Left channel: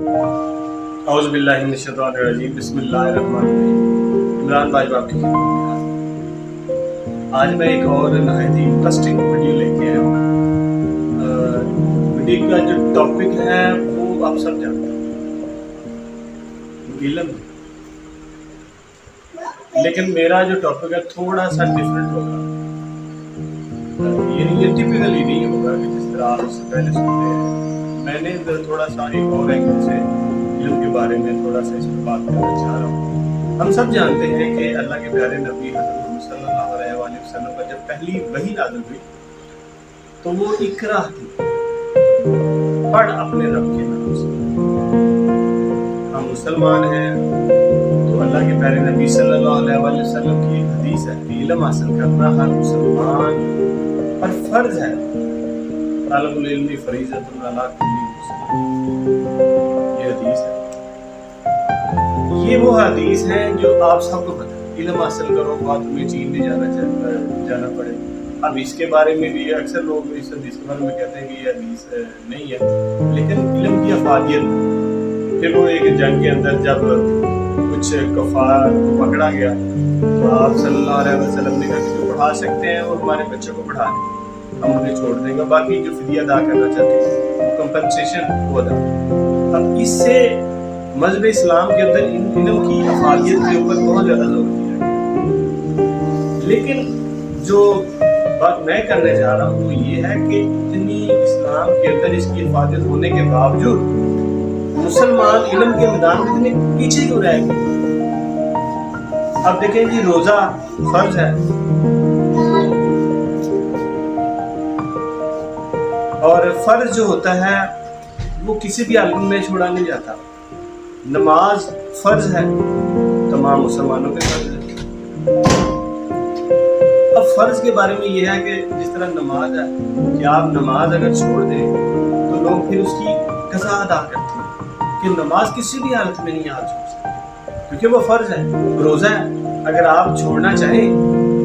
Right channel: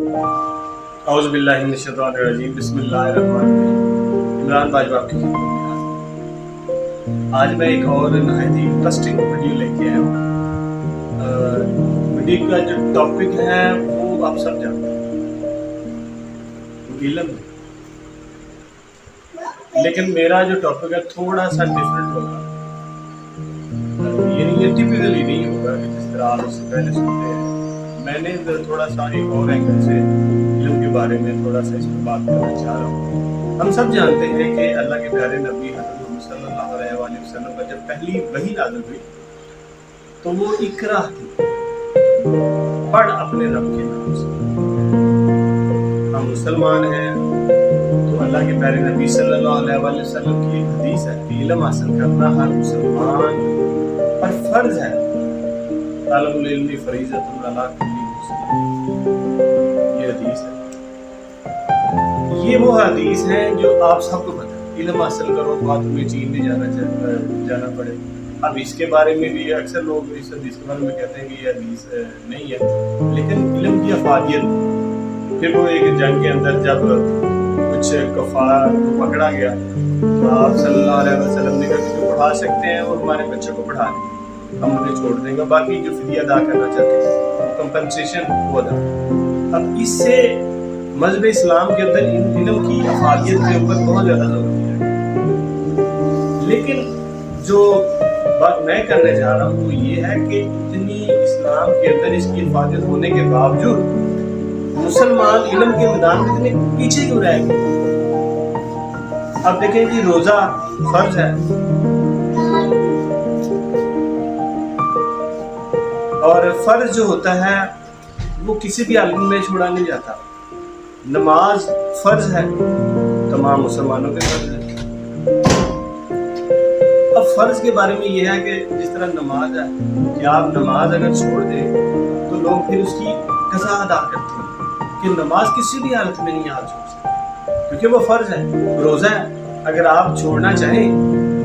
औज़ु बिल्लाहि मिनश शैतानिर रजीम, बिस्मिल्लाहिर रहमानिर रहीम। इमरान भाई आपकी खिदमत में हाज़िर। आज मैं एक और नहायत ही इंटरेस्टिंग वीडियो लेके आया हूँ। वीडियो का जो टॉपिक है वो आप सब जानते हैं, इल्म है। लेकिन मेरा जो टॉपिक है थोड़ा सा डिफरेंट होगा। ये टिपिकली नहीं होगा कि जिस तरह आप इससे पहले सुनते हैं। मैंने थोड़ा सा एक और एंगल से इल्म के बारे में थोड़ा सा इस पर बात करना चाह रहा हूँ। हम सब जानते हैं कि अल्लाह के प्यारे नबी हज़रत मोहम्मद सल्लल्लाहु अलैहि वसल्लम पर जब पहली वही नाज़िल हुई तो वो इकरा थी, पढ़ अपने रब के नाम से। हम मुसलमान हैं तो अल्लाह के प्यारे नबी सल्लल्लाहु अलैहि वसल्लम की एक हदीस है कि इल्म हासिल करना हर मुसलमान पर फर्ज है। तालबुल इल्मी फरीज़तुन अला कुल्ली मुस्लिम, ये हदीस है। ये वो हदीस है जो आप सबको पता है, इल्म हासिल करो ख्वाह तुम्हें चीन नहीं जाना पड़े। अब इसके बारे में भी अक्सर लोग इस हदीस के बारे में कहते हैं कि ये हदीस नहीं है, लेकिन इल्म की अफादियत। फिर वो एक जंग के अंदर जब कुछ कफार को पकड़ा गया तो आप सल्लल्लाहु अलैहि वसल्लम ने कहा कि जो पढ़ा सकते हैं वो हमारे बच्चों को पढ़ा दें, हम उन्हें छोड़ देंगे, बाकी जो फिदिया अदा करना चाहते हैं वो कंपनसेशन वो अदा करें। अब इससे मज़हब इस्लाम के अंदर इन इल्म की अफादियत के ऊपर बहुत ज़्यादा जोर दिया गया। लेकिन जो बात मैं करने जा रहा हूँ वो ये है कि इतनी इस्लाम के अंदर इसकी अफादियत होने के बावजूद मुसलमान इल्म के मैदान में इतने पीछे क्यों रह गए। अब देखें जी, रोज़ा फर्ज है और फर्ज जो होता है वो किसी भी हालत में छोड़ा नहीं जाता। नमाज फर्ज है, तमाम मुसलमानों के फर्ज है। अब फर्ज के बारे में यह है कि जिस तरह नमाज है कि आप नमाज अगर छोड़ दें तो लोग फिर उसकी कज़ा अदा करते हैं कि नमाज किसी भी हालत में नहीं आप छोड़ सकते क्योंकि वो फर्ज है। रोज़ा है, अगर आप छोड़ना चाहें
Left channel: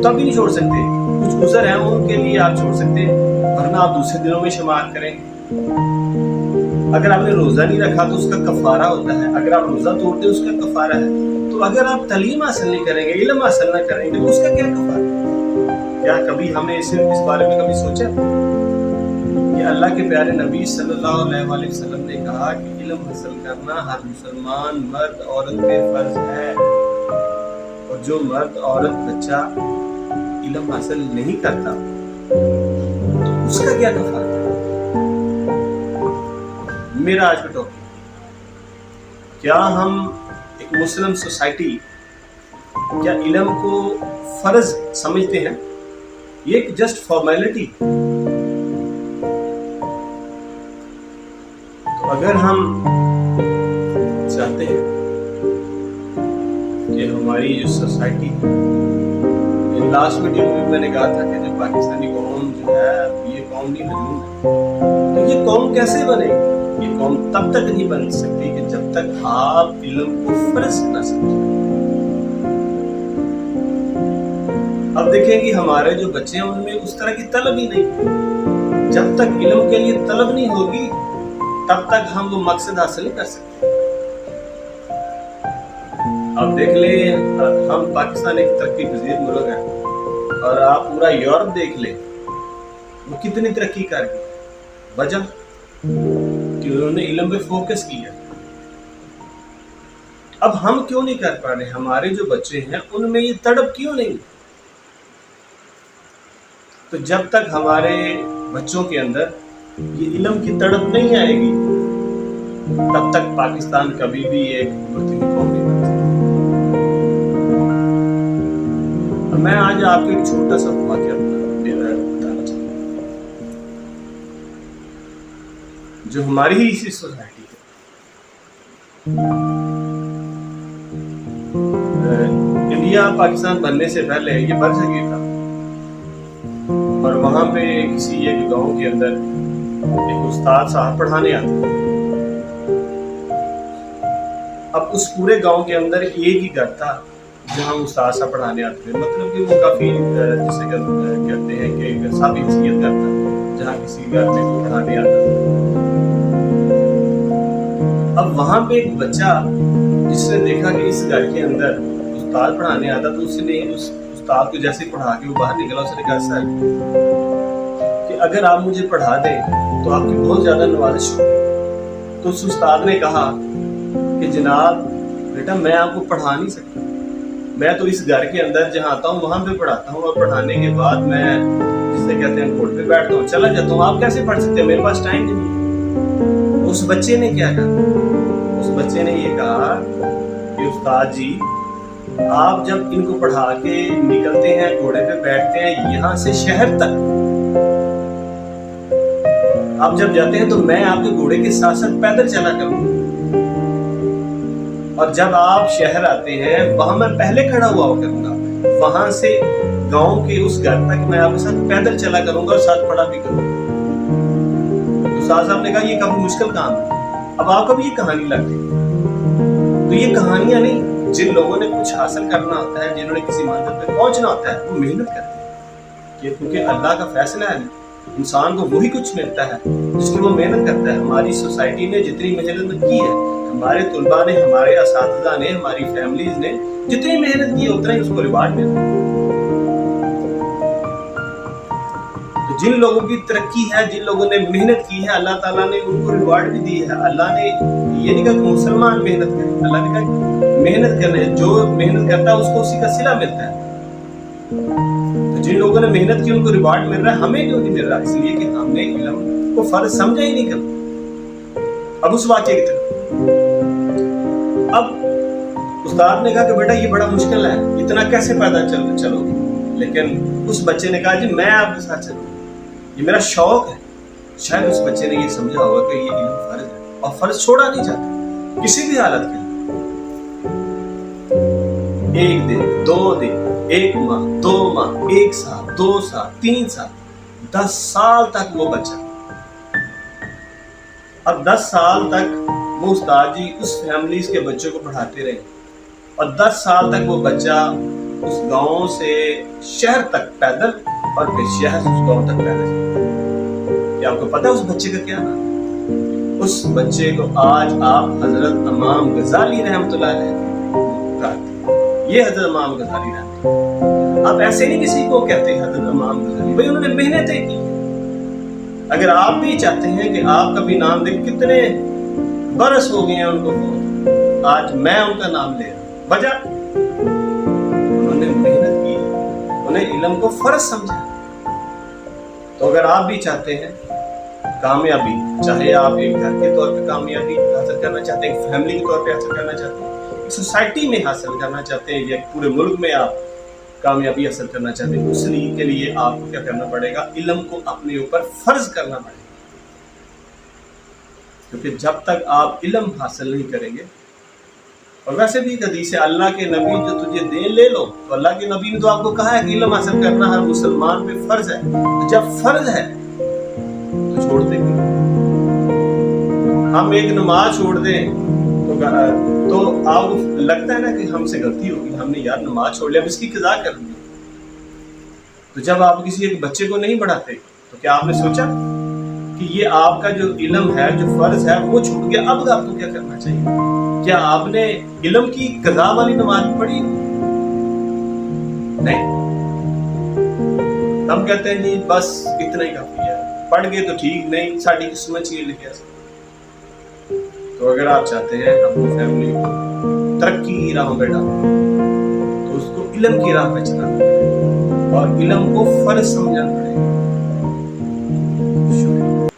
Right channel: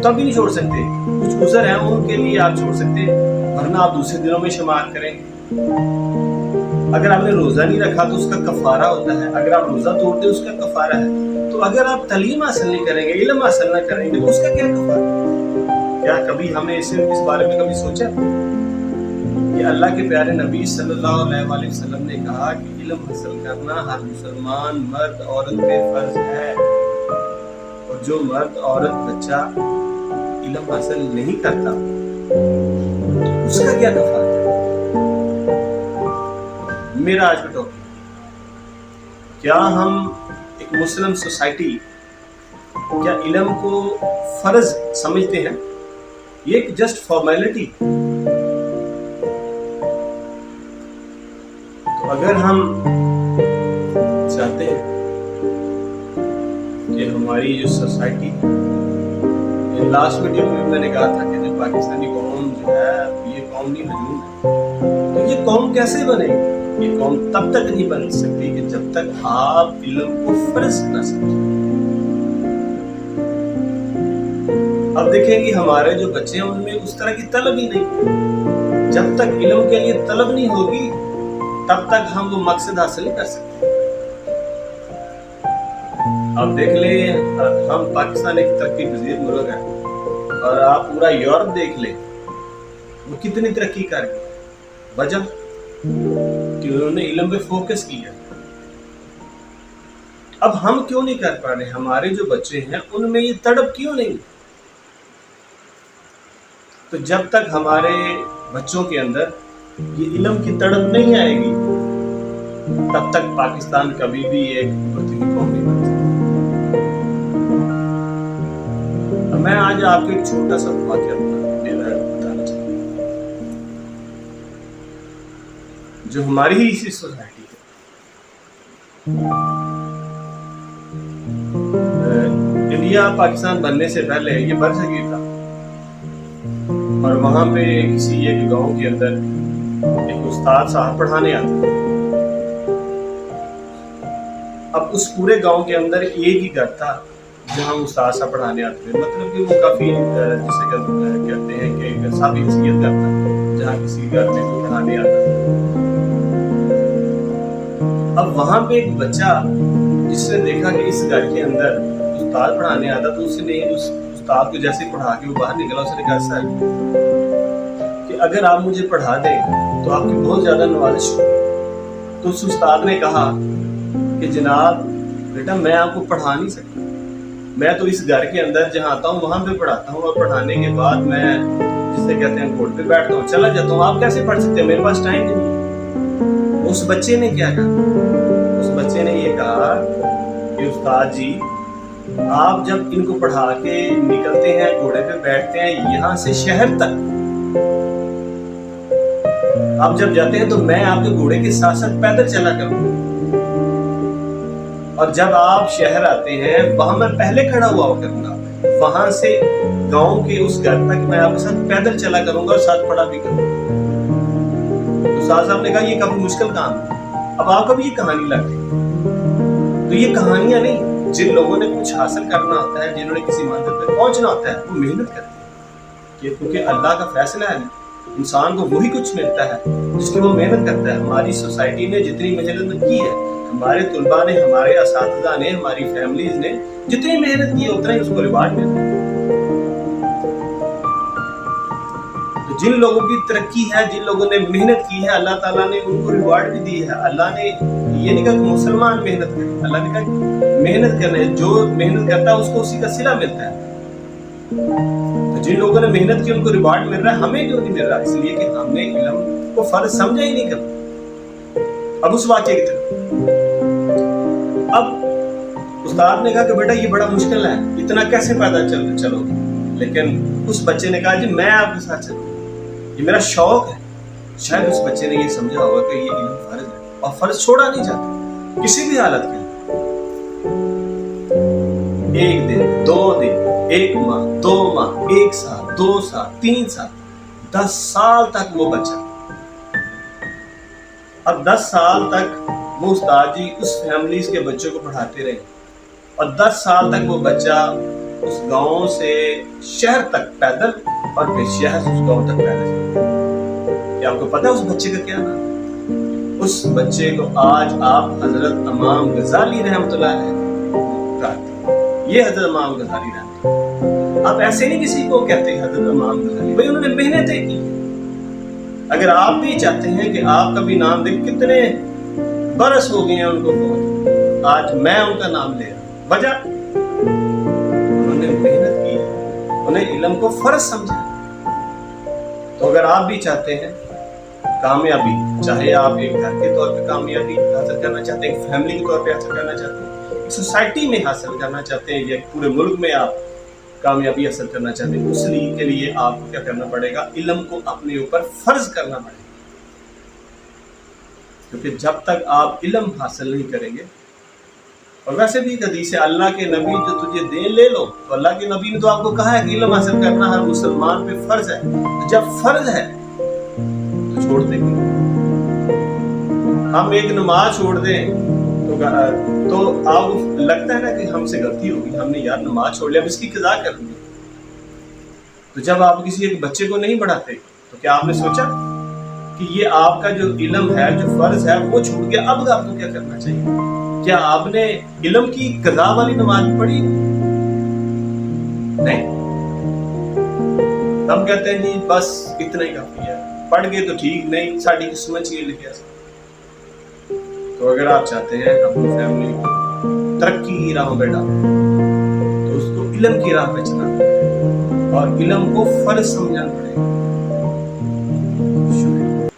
तब भी नहीं छोड़ सकते, कुछ उज़र हैं उनके लिए आप छोड़ सकते हैं, वरना आप दूसरे दिनों में शुमार करेंगे। अगर आपने रोज़ा नहीं रखा तो उसका कफ़ारा होता है, अगर आप रोज़ा तोड़ते उसका कफ़ारा है। तो अगर आप तलीम हासिल नहीं करेंगे, इल्म हासिल नहीं करेंगे तो उसका क्या कफ़ारा? क्या कभी हमने इस बारे में कभी सोचा कि अल्लाह के प्यारे नबी सल्लल्लाहु अलैहि वसल्लम ने कहा कि इल्म हासिल करना हर मुसलमान मर्द औरत पे फर्ज है, और जो मर्द औरत बच्चा इल्म हासिल नहीं करता तो उसका क्या कफ़ारा है? मेरा आज का टॉपिक, क्या हम एक मुस्लिम सोसाइटी क्या इल्म को फर्ज समझते हैं? ये एक जस्ट फॉर्मेलिटी। तो अगर हम चाहते हैं कि हमारी जो सोसाइटी, लास्ट वीडियो में भी मैंने कहा था कि जो पाकिस्तानी कौम जो है ये कौम नहीं हजूम है, तो ये कौम कैसे बनेगी? ये कौम तब तक नहीं बन सकती कि जब तक आप इल्म को फर्ज न समझें। अब देखें कि हमारे जो बच्चे हैं उनमें उस तरह की तलब ही नहीं। जब तक इल्म के लिए तलब नहीं होगी तब तक हम वो मकसद हासिल नहीं कर सकते। अब देख ले, हम पाकिस्तान एक तरक्की पजीर मुल्क है और आप पूरा यूरोप देख ले, वो कितनी तरक्की कर गया। वजह कि उन्होंने इल्म पे फोकस किया। अब हम क्यों नहीं कर पा रहे? हमारे जो बच्चे हैं उनमें ये तड़प क्यों नहीं? तो जब तक हमारे बच्चों के अंदर ये इल्म की तड़प नहीं आएगी तब तक पाकिस्तान कभी भी एक उभरती हुई कौम नहीं बन सकती। मैं आज आपको एक छोटा सा वाक़या बताना चाहता हूँ जो हमारी ही इसी सोसाइटी है। इंडिया पाकिस्तान बनने से पहले ये बरसगीर था और वहाँ पे किसी एक गांव के अंदर एक उस्ताद साहब पढ़ाने आते। अब उस पूरे गांव के अंदर एक ही घर था जहाँ उस्ताद साहब पढ़ाने आते थे। मतलब कि वो काफ़ी जिसे कहते हैं कि साफ इंसियत करता, जहाँ किसी घर में कोई पढ़ाने आता था। अब वहां पे एक बच्चा जिसने देखा कि इस घर के अंदर उस्ताद पढ़ाने आता, तो उसने उस उस्ताद को जैसे पढ़ा के वो बाहर निकला, उसने कहा सर कि अगर आप मुझे पढ़ा दें तो आपकी बहुत ज्यादा नवाजिश होगी। तो उस उस्ताद ने कहा कि जनाब बेटा मैं आपको पढ़ा नहीं सकता, मैं तो इस घर के अंदर जहाँ आता हूँ वहां पे पढ़ाता हूँ, और पढ़ाने के बाद मैं जिसे कहते हैं कोर्ट पे बैठता हूँ, चला जाता हूँ, आप कैसे पढ़ सकते हैं, मेरे पास टाइम नहीं है। उस बच्चे ने क्या कहा, उस बच्चे ने ये कहा कि उस्ताद जी आप जब इनको पढ़ा के निकलते हैं, घोड़े पे बैठते हैं यहाँ से शहर तक, आप जब जाते हैं तो मैं आपके घोड़े के साथ साथ पैदल चला करूंगा, और जब आप शहर आते हैं वहां मैं पहले खड़ा हुआ करूंगा, वहां से गांव के उस घर तक मैं आपके साथ पैदल चला करूंगा और साथ पढ़ा भी करूंगा। तो साहब ने कहा ये काफी मुश्किल काम है, अब आपको भी ये कहानी लग गई। तो ये कहानियां नहीं, जिन लोगों ने कुछ हासिल करना होता है, जिन्होंने किसी मंजिल पे पहुंचना होता है, वो मेहनत करते हैं, क्योंकि अल्लाह का फैसला है, इंसान को वही कुछ मिलता है जिसकी वो मेहनत करता है। हमारी सोसाइटी ने जितनी मेहनत की है, हमारे तुलबा ने, हमारे असातिज़ा ने, हमारी फैमिलीज ने जितनी मेहनत की है उतना ही उसको रिवार्ड मिलता है। तो जिन लोगों की तरक्की है, जिन लोगों ने मेहनत की है, अल्लाह ताला ने उनको रिवार्ड भी दी है। अल्लाह ने ये नहीं कहा कि मुसलमान मेहनत करे, अल्लाह ने कहा मेहनत करने, जो मेहनत करता है उसको उसी का सिला मिलता है। तो जिन लोगों ने मेहनत की उनको रिवार्ड मिल रहा है, हमें क्यों नहीं मिल रहा? इसलिए कि हमने इल्म को फर्ज समझा ही नहीं कभी। अब उस वाक़े की तरफ, अब उस्ताद ने कहा कि बेटा ये बड़ा मुश्किल है, इतना कैसे पैदल चलोगे? लेकिन उस बच्चे ने कहा जी मैं आपके साथ चलूंगा, ये मेरा शौक है। शायद उस बच्चे ने ये समझा होगा कि ये इल्म फर्ज है और फर्ज छोड़ा नहीं जाता किसी भी हालत के लिए। एक दिन, 2 दिन, 1 माह, 2 माह, 1 साल, 2 साल, 3 साल, 10 साल तक वो बच्चा, अब 10 साल तक वो उस्ताद जी उस फैमिलीज के बच्चों को पढ़ाते रहे, और 10 साल तक वो बच्चा उस गांव से शहर तक पैदल और फिर शहर से उस गांव तक पैदल। क्या आपको पता है उस बच्चे का क्या नाम? उस बच्चे को आज आप हजरत इमाम गजाली रहमतुल्लाह अलैह कहते हैं। ये हजरत इमाम गजाली रहमतुल्लाह, आप ऐसे नहीं किसी को कहते हजरत इमाम गजाली, भाई उन्होंने मेहनतें की। अगर आप भी चाहते हैं कि आपका भी नाम दे, कितने बरस हो गए हैं उनको बहुत, आज मैं उनका नाम ले रहा हूं, वजह उन्होंने मेहनत की, उन्हें इल्म को फर्ज समझा। तो अगर आप भी चाहते हैं कामयाबी, चाहे आप एक घर के तौर पे कामयाबी हासिल करना चाहते हैं, एक फैमिली के तौर पे हासिल करना चाहते हैं, एक सोसाइटी में हासिल करना चाहते हैं, या पूरे मुल्क में आप कामयाबी हासिल करना चाहते हैं, उस लिए के लिए आपको क्या करना पड़ेगा? इल्म को अपने ऊपर फर्ज करना पड़ेगा। क्योंकि जब तक आप इल्म हासिल नहीं करेंगे, और वैसे भी हदीस है अल्लाह के नबी जो तुझे दे ले लो, तो अल्लाह के नबी ने तो आपको कहा है कि इल्म हासिल करना हर मुसलमान पे फर्ज है। तो जब फर्ज है तो छोड़ देंगे। हम एक नमाज छोड़ दें तो आपको लगता है ना कि हमसे गलती होगी, हमने यार नमाज छोड़ लिया, अब इसकी कज़ा कर दी। तो जब आप किसी एक बच्चे को नहीं पढ़ाते, तो क्या आपने सोचा कि ये आपका जो इल्म है, जो फर्ज है, वो छूट गया, अब आपको क्या करना चाहिए? क्या आपने इल्म की कज़ा वाली नमाज पढ़ी? नहीं, हम कहते हैं जी बस इतना ही काफी है, पढ़ गए तो ठीक, नहीं साड़ी किस्मत चाहिए लिखे। तो अगर आप चाहते हैं अपनी फैमिली को तरक्की की राह पे डालना, तो उसको इल्म की राह पे चलाना पड़ेगा और इल्म को फर्ज समझना पड़ेगा। शुक्रिया।